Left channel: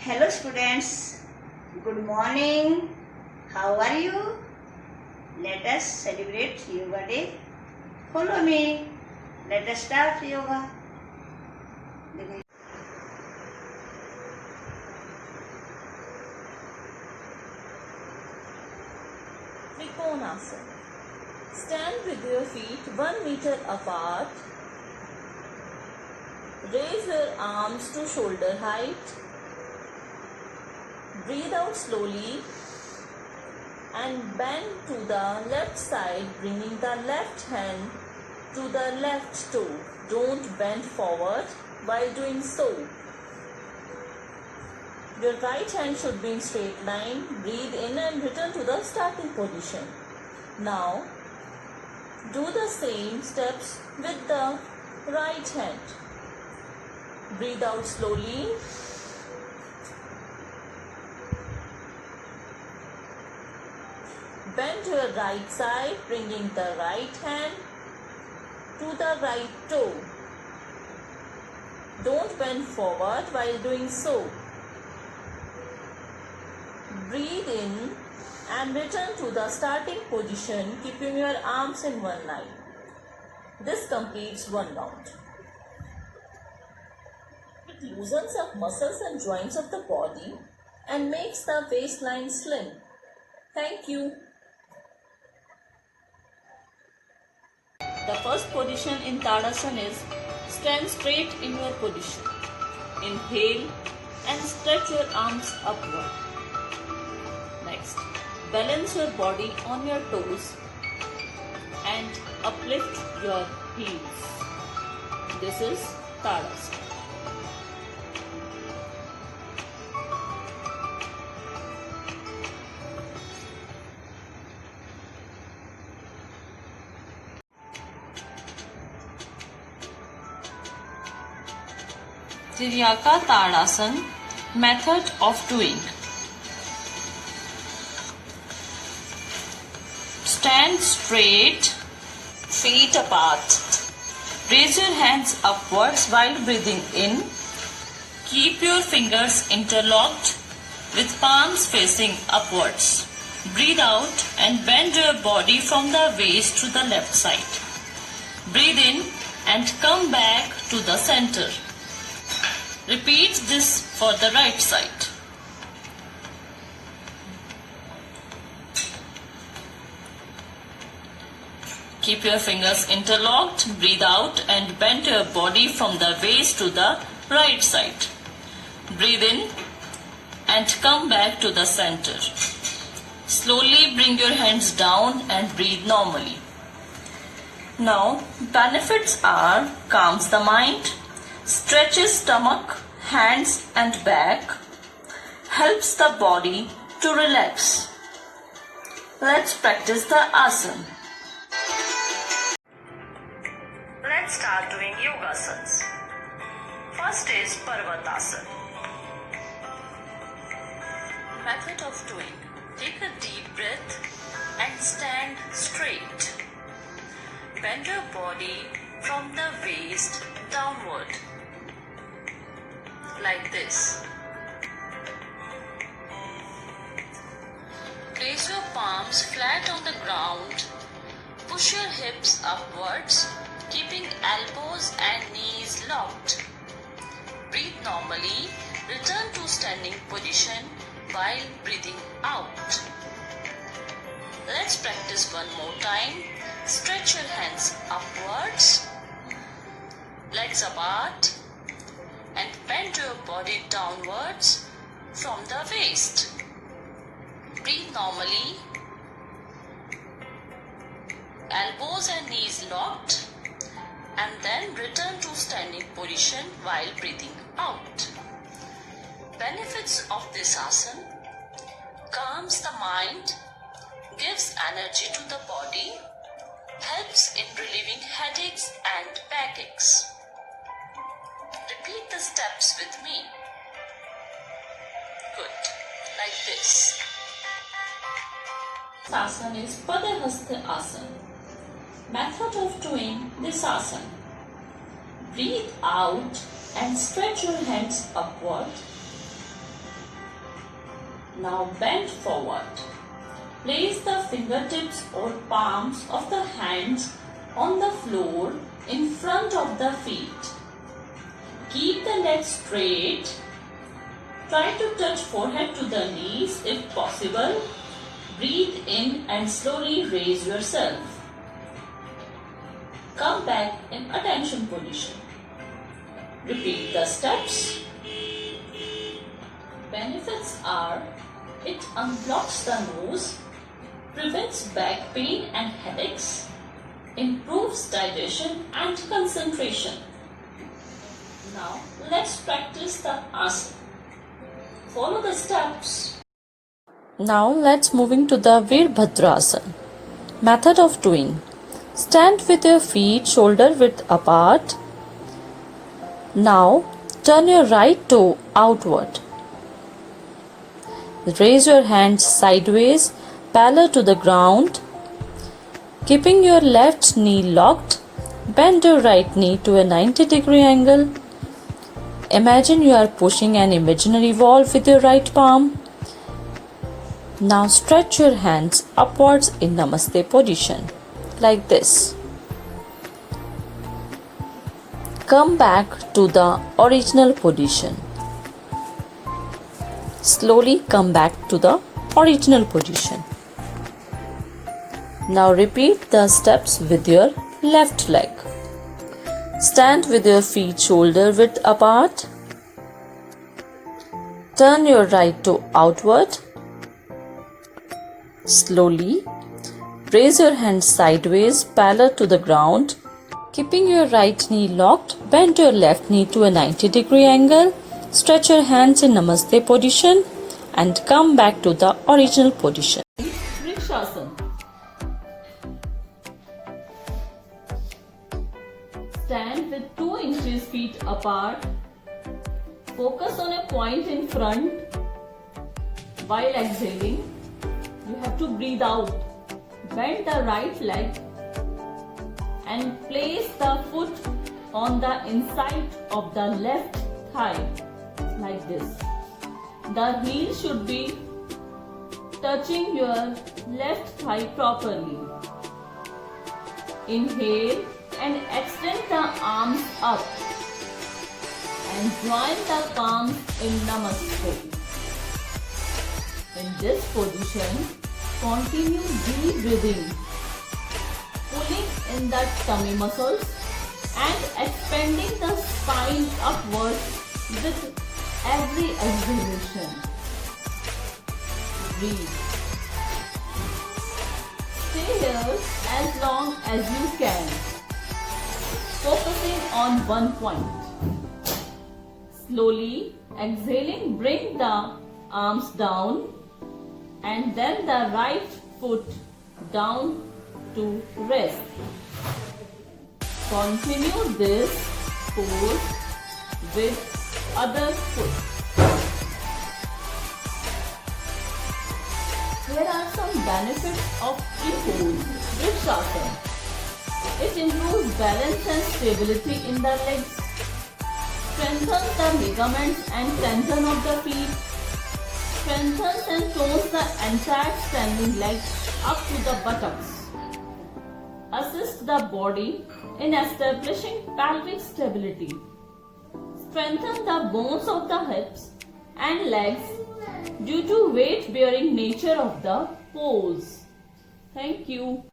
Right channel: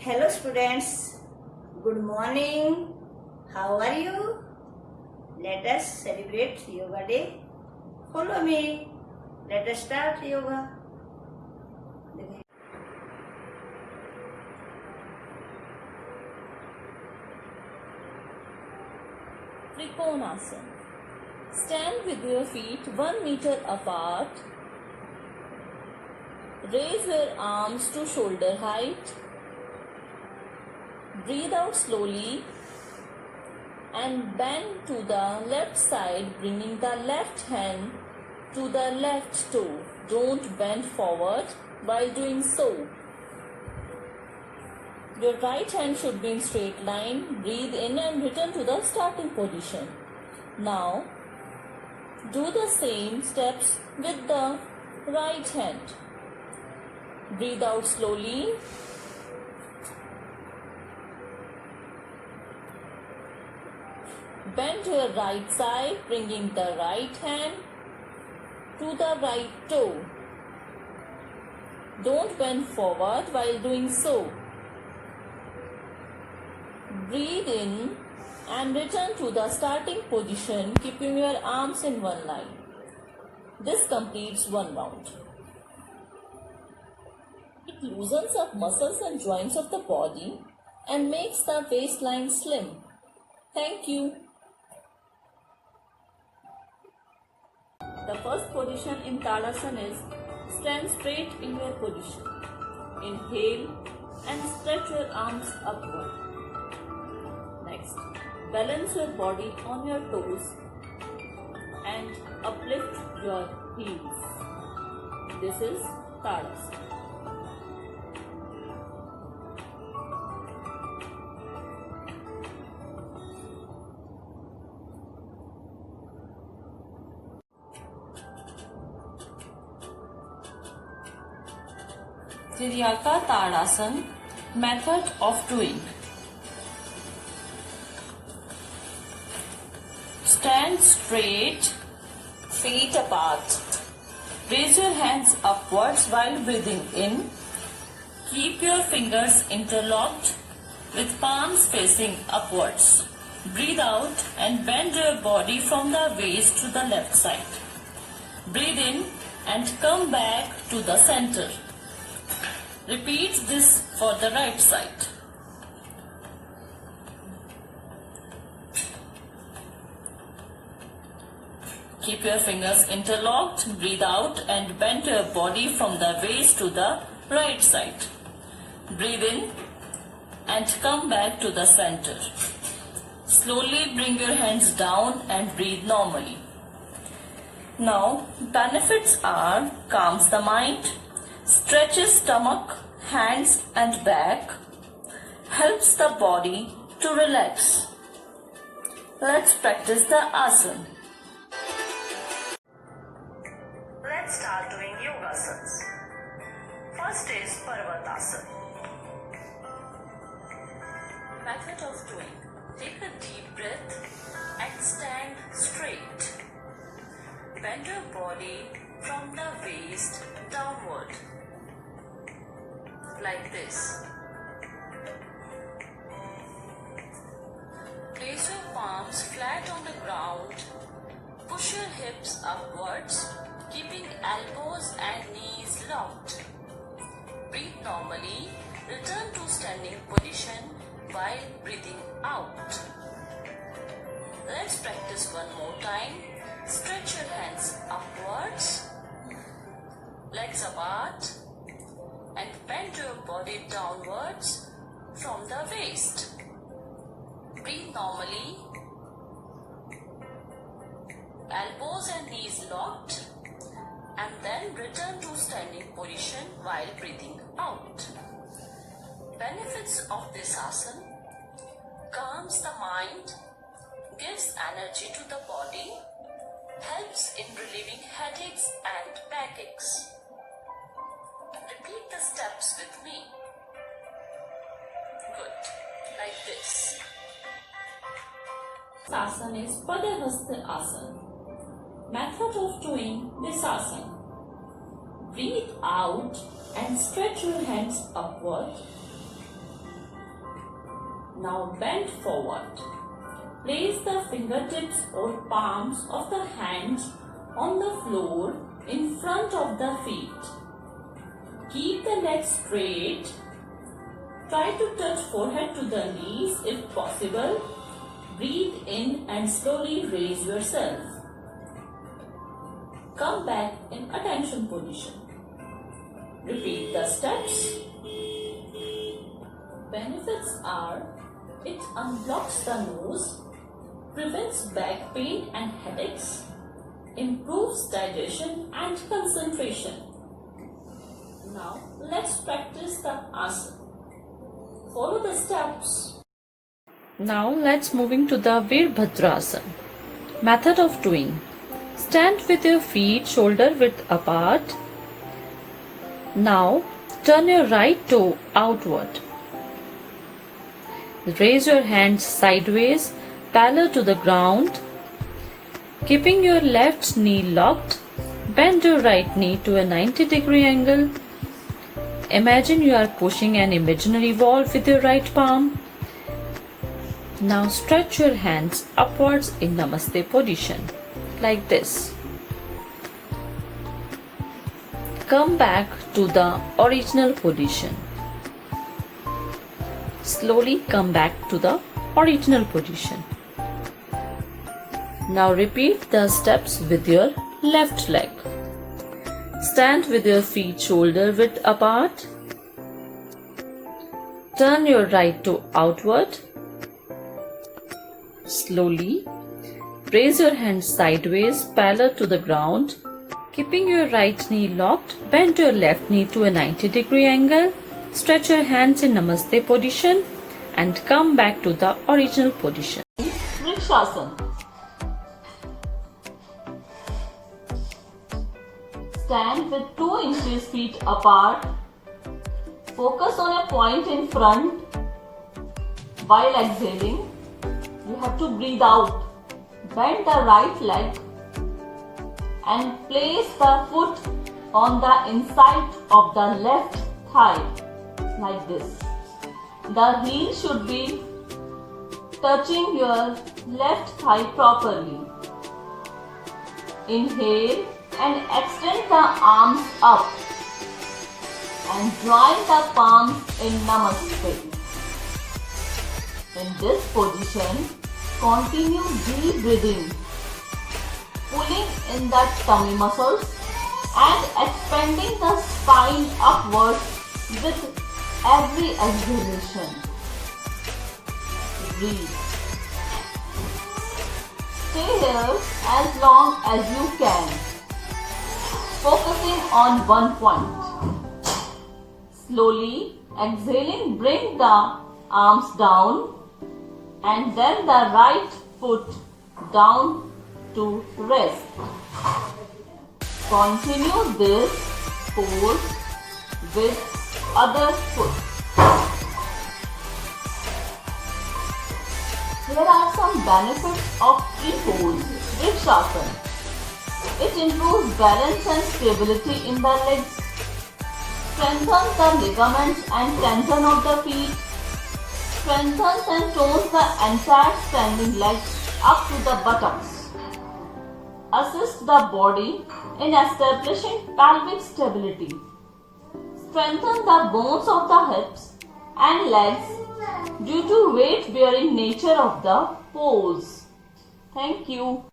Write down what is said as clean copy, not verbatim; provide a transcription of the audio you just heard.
Hello students, good morning. How are you? Let us celebrate Yoga Day. Follow me. Let us start yoga. Trikonasana. Stand with your feet 1 meter apart. Raise your arms to shoulder height. Breathe out slowly and bend to the left side, bringing the left hand to the left toe. Don't bend forward while doing so. Your right hand should be in straight line. Breathe in and return to the starting position. Now, do the same steps with the right hand. Breathe out slowly. Bend to your right side, bringing the right hand to the right toe. Don't bend forward while doing so. Breathe in and return to the starting position, keeping your arms in one line. This completes one round. It loosens up muscles and joints of the body and makes the waistline slim. Thank you. The first position in Tadasana is stand straight in your position. Inhale and stretch your arms upward. Next, balance your body on your toes and uplift your heels. This is Tadasana. Trivyaka Tadasana, method of doing. Stand straight, feet apart. Raise your hands upwards while breathing in. Keep your fingers interlocked with palms facing upwards. Breathe out and bend your body from the waist to the left side. Breathe in and come back to the center. Repeat this for the right side. Keep your fingers interlocked, breathe out and bend your body from the waist to the right side. Breathe in and come back to the center. Slowly bring your hands down and breathe normally. Now, benefits are calms the mind, stretches stomach, hands and back, helps the body to relax. Let's practice the asana. Let's start doing yogasanas. First is Parvatasana. Method of doing. Take a deep breath and stand straight. Bend your body from the waist downward. Like this. Place your palms flat on the ground. Push your hips upwards, keeping elbows and knees locked. Breathe normally. Return to standing position while breathing out. Let's practice one more time. Stretch your hands upwards, legs apart, and bend your body downwards from the waist. Breathe normally. Elbows and knees locked, and then return to standing position while breathing out. Benefits of this asana: calms the mind, gives energy to the body, helps in relieving headaches and backaches. Repeat the steps with me. Good. Like this. This asana is Padahasta Asana. Method of doing this asana. Breathe out and stretch your hands upward. Now bend forward. Place the fingertips or palms of the hands on the floor in front of the feet. Keep the legs straight. Try to touch forehead to the knees if possible. Breathe in and slowly raise yourself. Come back in attention position. Repeat the steps. Benefits are: it unblocks the nose, prevents back pain and headaches, improves digestion and concentration. Now let's practice the asana. Follow the steps. Now let's moving to the Veerbhadrasana. Method of doing. Stand with your feet shoulder width apart. Now turn your right toe outward. Raise your hands sideways, parallel to the ground. Keeping your left knee locked, bend your right knee to a 90-degree angle. Imagine you are pushing an imaginary wall with your right palm. Now stretch your hands upwards in Namaste position, like this. Come back to the original position. Slowly come back to the original position. Now repeat the steps with your left leg. Stand with your feet shoulder width apart. Turn your right toe outward. Slowly raise your hands sideways parallel to the ground. Keeping your right knee locked, bend your left knee to a 90-degree angle. Stretch your hands in Namaste position and come back to the original position. Vrikshasana. Stand with 2 inches feet apart. Focus on a point in front. While exhaling, you have to breathe out. Bend the right leg and place the foot on the inside of the left thigh, like this. The heel should be touching your left thigh properly. Inhale and extend the arms up and join the palms in Namaste. In this position, continue deep breathing, pulling in the tummy muscles and expanding the spine upwards with every exhalation. Breathe. Stay here as long as you can, focusing on one point. Slowly exhaling, bring the arms down and then the right foot down to rest. Continue this pose with other foot. Here are some benefits of free pose, Vrikshasana. It improves balance and stability in the legs, strengthens the ligaments and tendon of the feet, strengthens and tones the entire standing leg up to the buttocks, assists the body in establishing pelvic stability, strengthens the bones of the hips and legs due to weight-bearing nature of the pose. Thank you.